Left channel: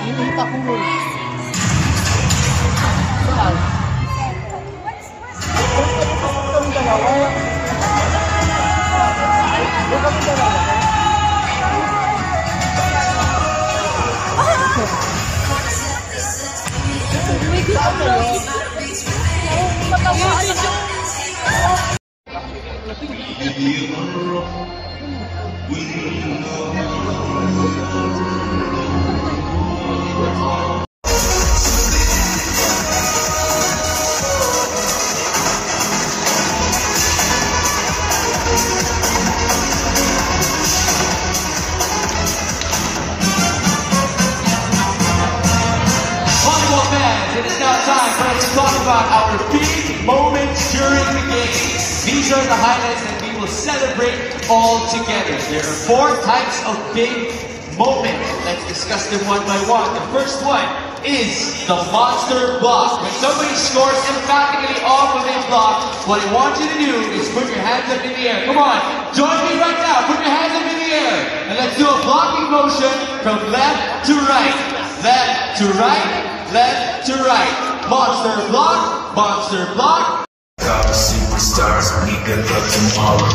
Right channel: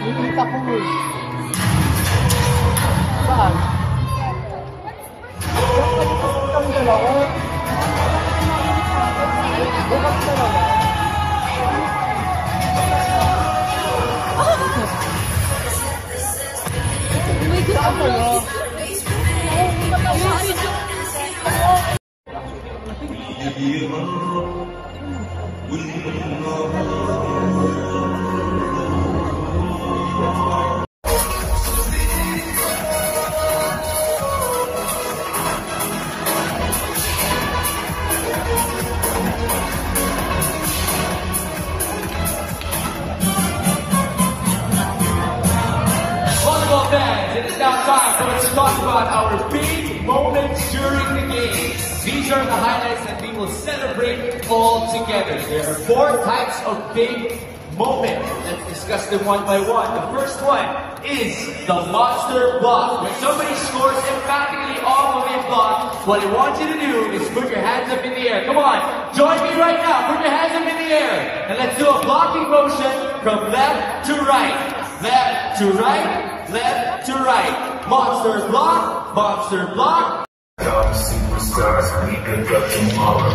Hindi pa ko mo. Saan? Kami dalawa. Kami dalawa. May good ako. Matawaan siya. It is now time for us to talk about our big moments during the game. These are the highlights that we will celebrate all together. There are 4 types of big moments. Let's discuss them one by one. The first one is the monster block. When somebody scores emphatically off of a block, what I want you to do is put your hands up in the air. Come on, join me right now. Put your hands up in the air. And let's do a blocking motion from left to right. Left to right. Left to right. Monster block, monster block. All the superstars, we can love tomorrow.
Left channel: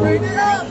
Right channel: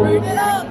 Bring it up.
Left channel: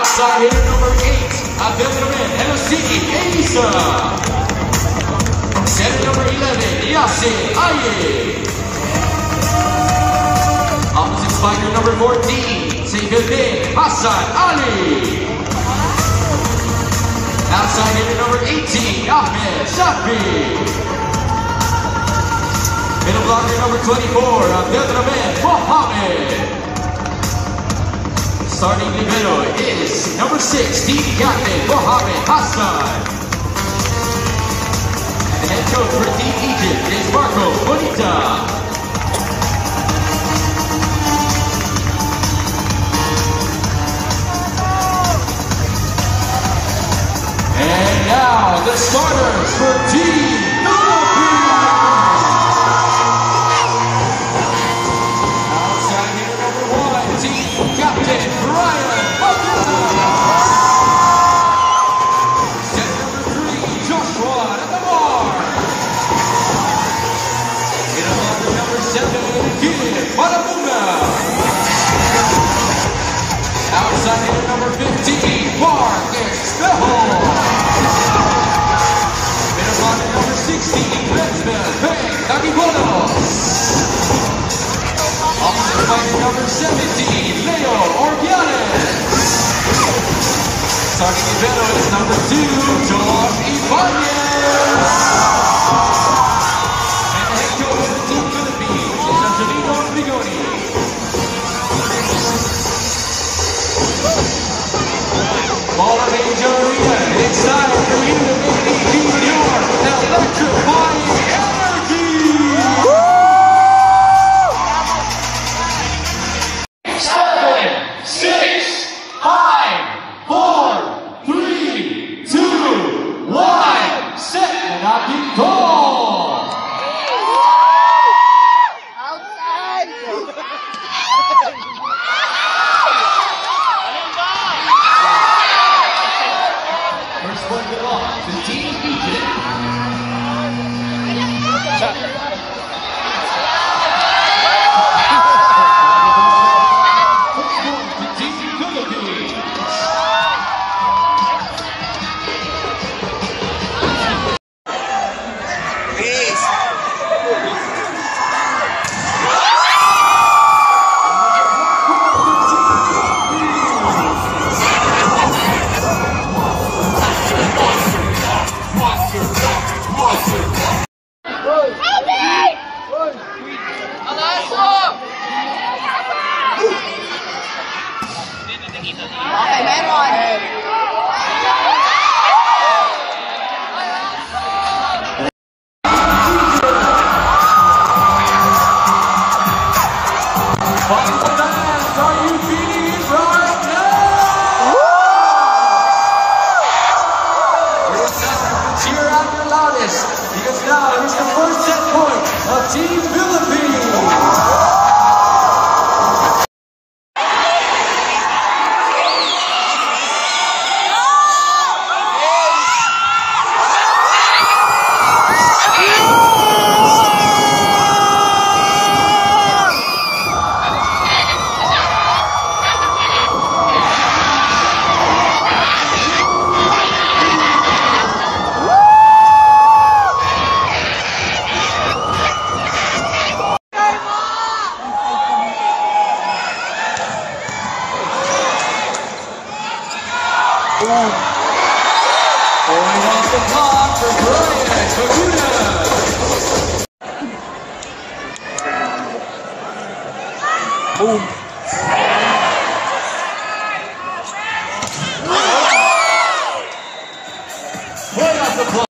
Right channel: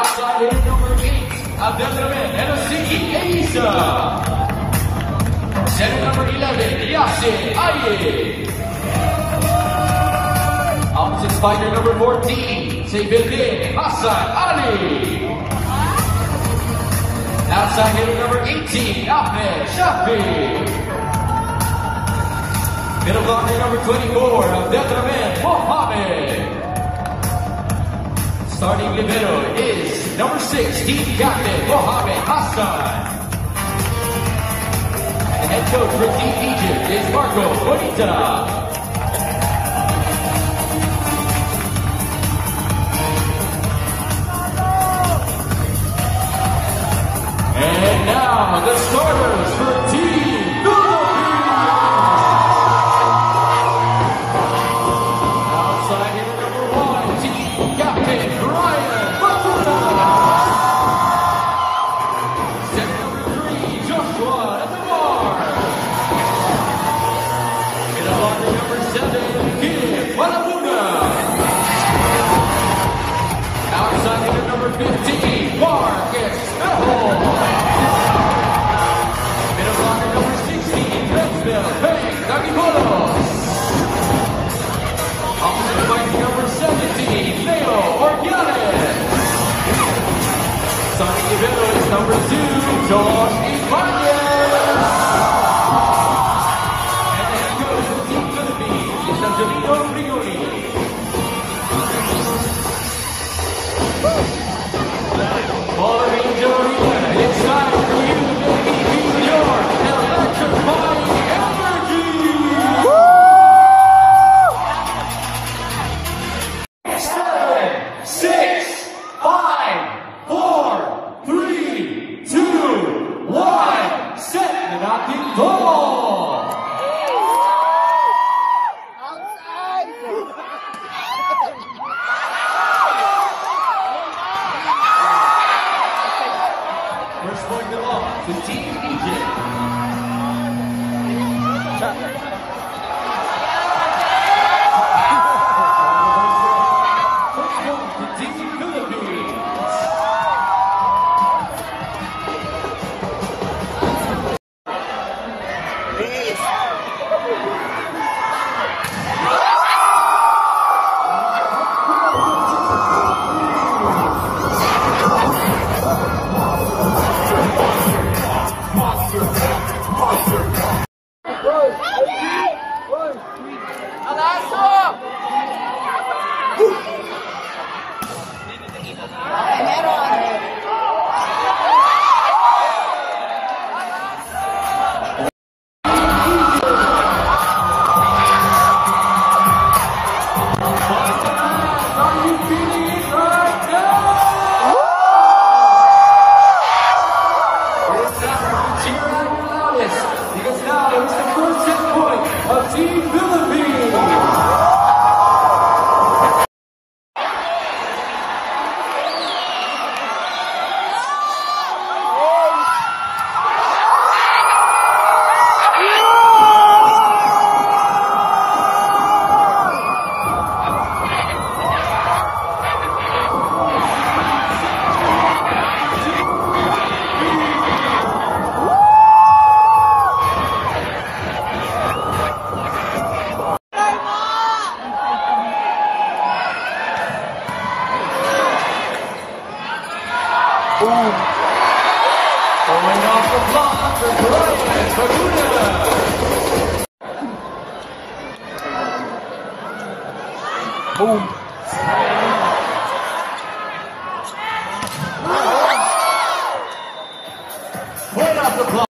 Outside hitter number 8, Abdelrahman Helsinki Asa. Center number 11, Yassin Aye. Opposite spiker number 14, Seyfuddin Hassan Ali. Outside hitter number 18, Ahmed Shafi. Middle blocker number 24, Abdelrahman Mohammed. Starting libero is number 6, team captain Mohammed Hassan. The head coach for Team Egypt is Marco Bonita. And now the starters for Team number 15, Mark Espejo. Middle blocker number 16, Lesbel Taquibolos. Opposite fighter number 17, Leo Orgianes. Starting libero is number 2, Josh Ibanez. And the head coach of Team Philippines is Angelino Bigoni. All of Angel Arena, it's time for you to make your electrifying energy! 7, 6, 5, 4, 3, 2, Okay, meron. Because now is the first set point of Team Philippines. Going off the block for Brian Laguna. Boom. Right off the block.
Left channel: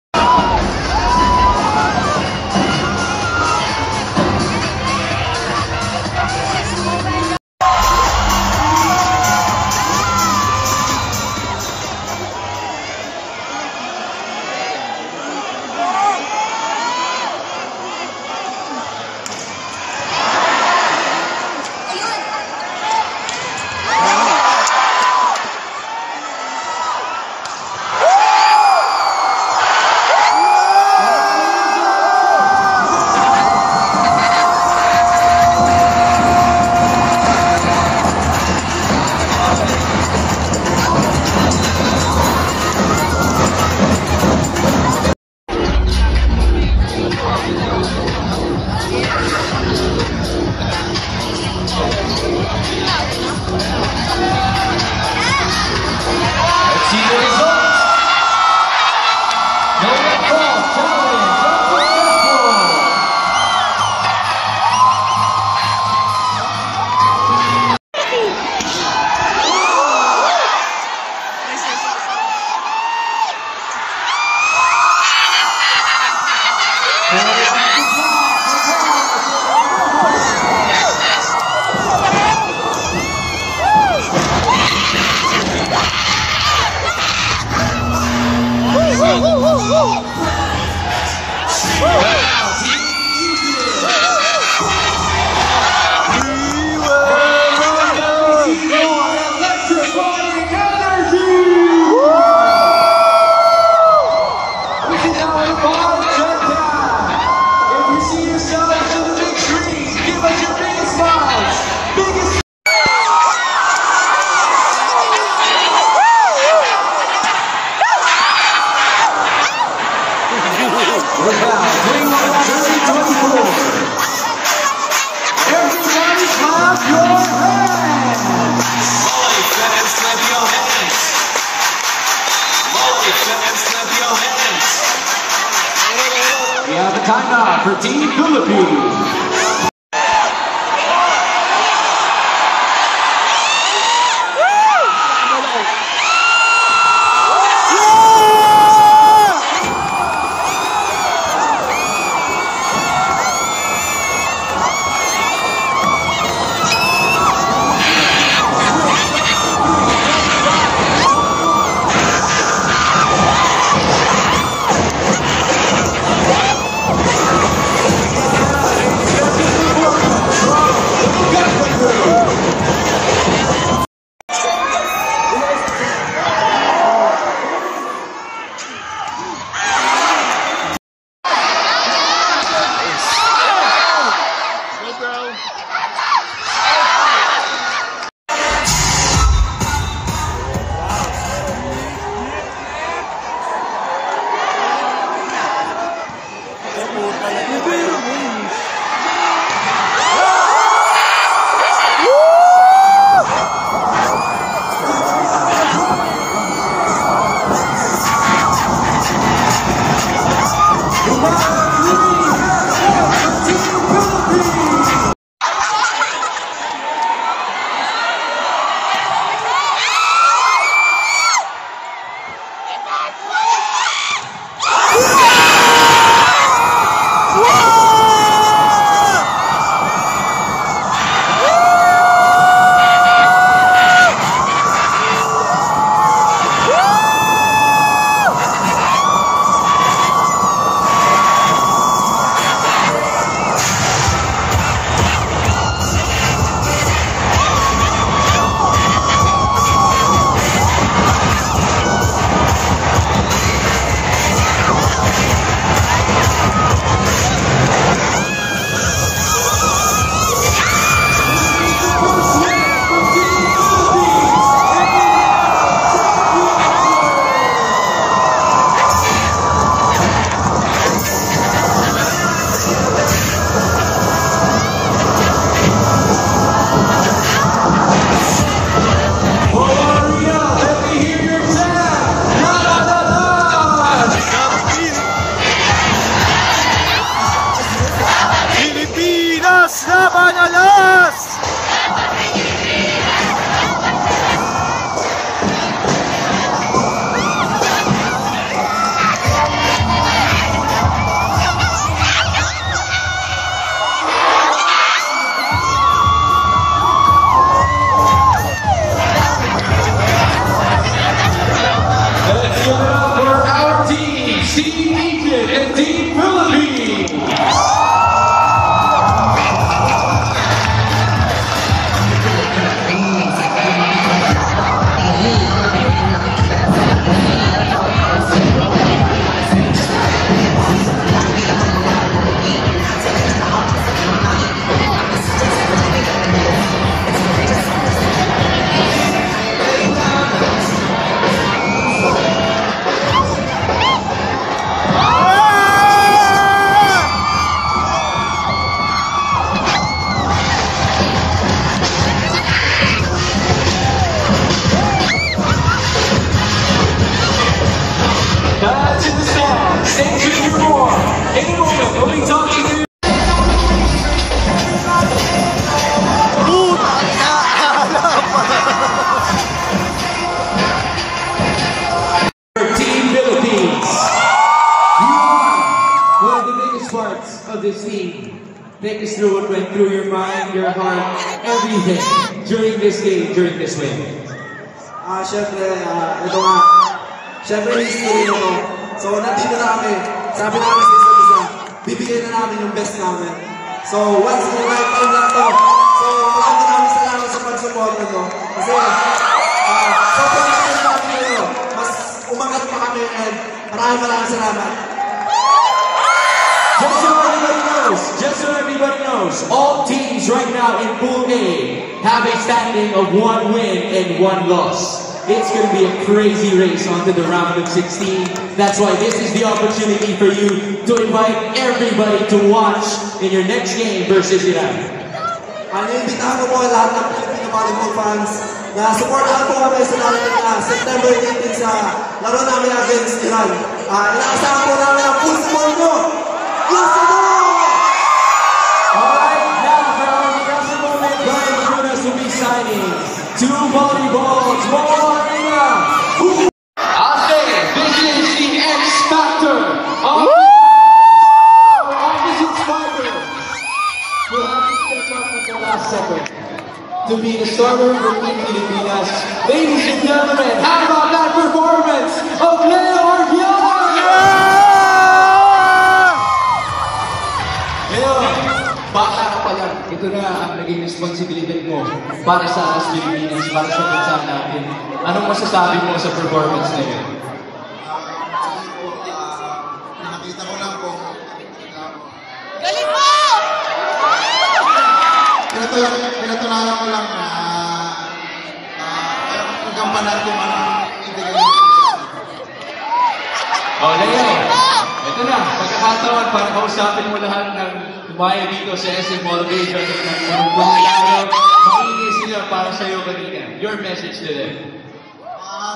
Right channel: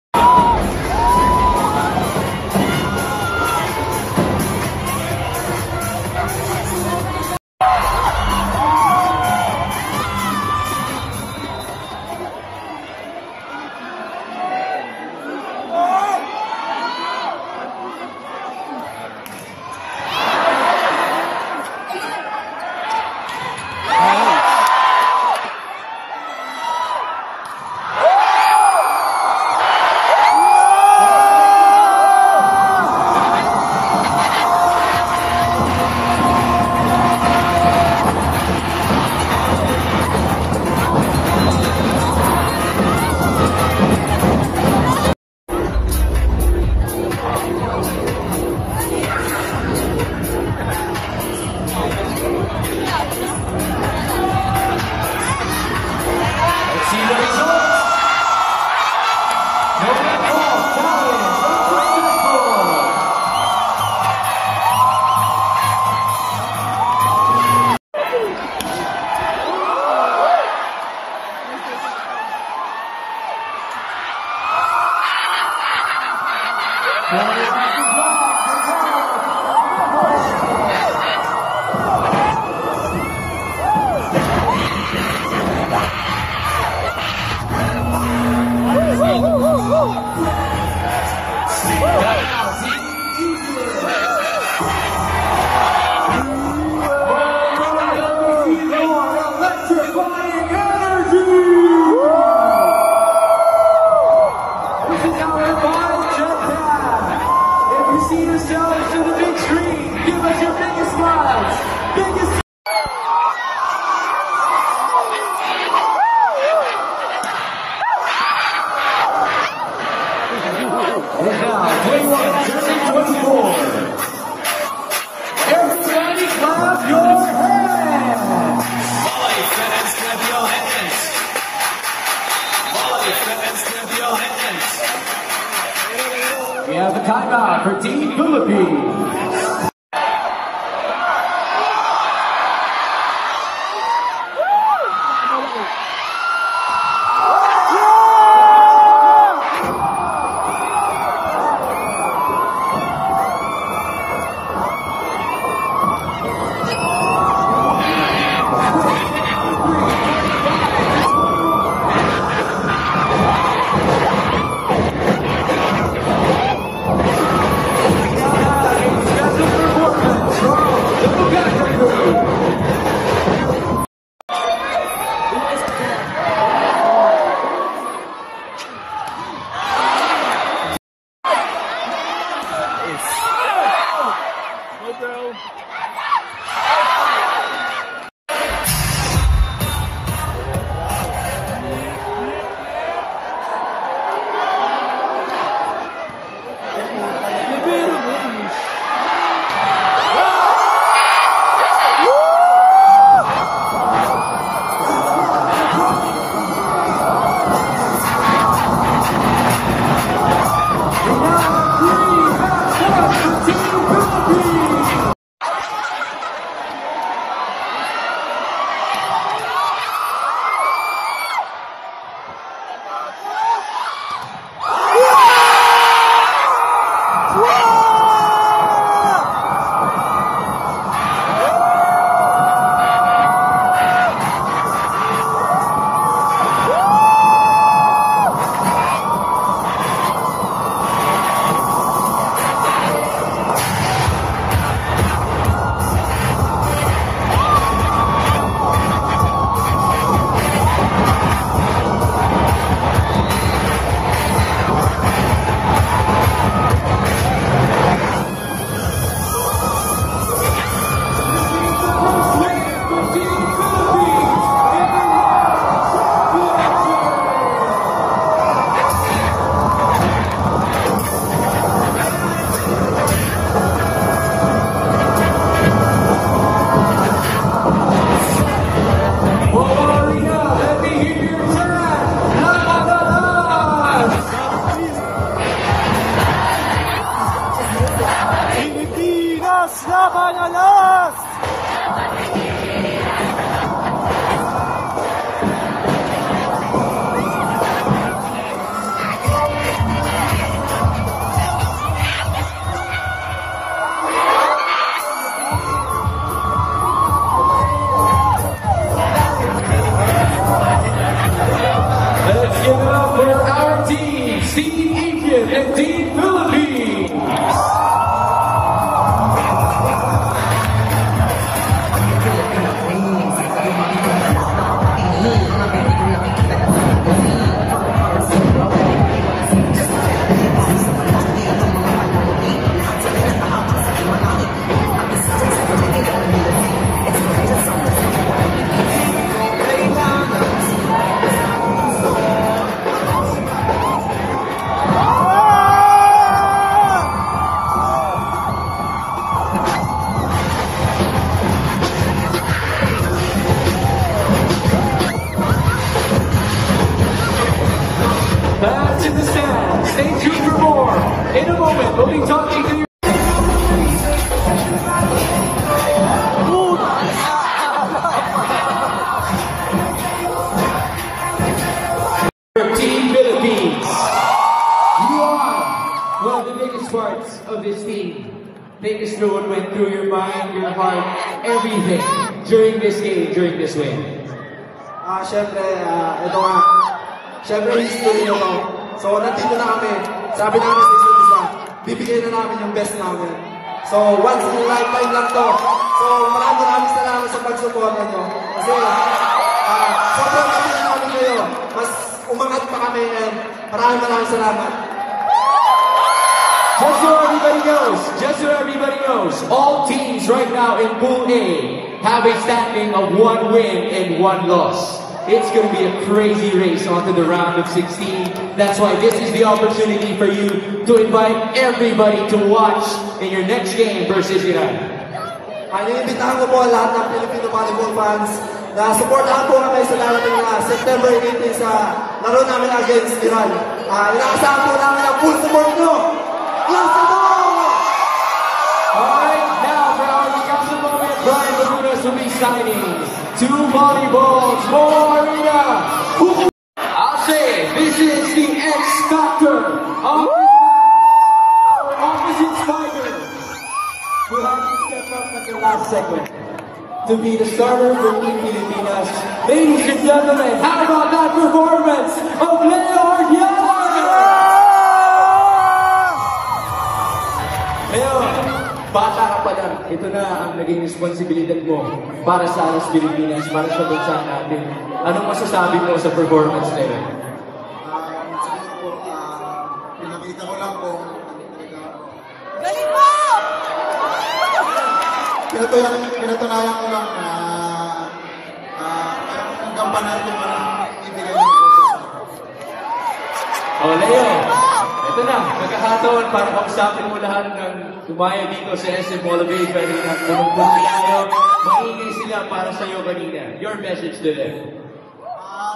We have a timeout for Team Philippines. give it up for our team, Team Egypt and Team Philippines. That's in the stands. Stay tuned for more. In a moment, we'll be talking to you. Team Philippines. You are one of the biggest parts of this team. Take us through what went through your mind, your heart, everything during this game, during this win. Siyempre, ito nga. Siyempre, history na. So, nandito na kami. Sabi namin sa isa't isa, bibigay na namin yung best namin. So, once in a lifetime lang to. So, maraming salamat sa pag-support nyo. Kasi, sobrang kasal namin kayo. Mas umangat pa kami and maraming salamat. Just so everybody knows, all teams right now in Pool A have a standing of 1 win and 1 loss. It's going to be a crazy race onto the round of 16. That's why this is the opportunity for you to invite everybody to watch in your next game versus Iran. Inimbitahan ko po lahat ng Filipino volleyball fans na supportahan po kami sa darating na September 18 sa laro namin against Iran. Inaasahan po namin ang full support nyo. Full support! Alright, now for our council moment, Brian Laguna will be signing 2 volleyballs, more arena. I'll say it, this is the X Factor of opposite fighter. We'll have to step up at the last second to be the starter for Team Pilipinas. Ladies and gentlemen, how about that performance of Leo Arbiaga? Leo, bata ka pa lang. Ito na ang naging responsibilidad mo para sa Pilipinas, para sa bansa natin. Anong masasabi mo sa performance na yun? Nakita ko lang po. Galing mo! Pinatunayan ko lang na hanggang natin ibigay mo. Leo, ito na, pagkakataon para kausapin mo lahat ng tumayo dito sa SM Mall of Asia. Maingay sila para sa iyo kanina. Your message to them.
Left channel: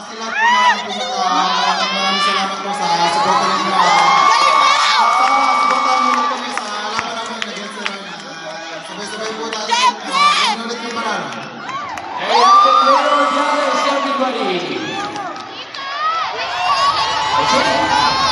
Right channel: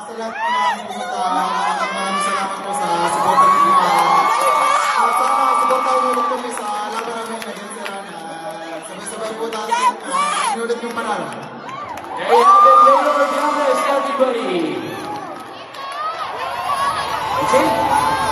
Sa lahat po namin po maraming salamat po sa supportan nyo na supportan nyo na kami sa laban namin against sila na sabay-sabay po natin inulit yung panalo. There you have it, Leo Arbiaga, everybody. Okay.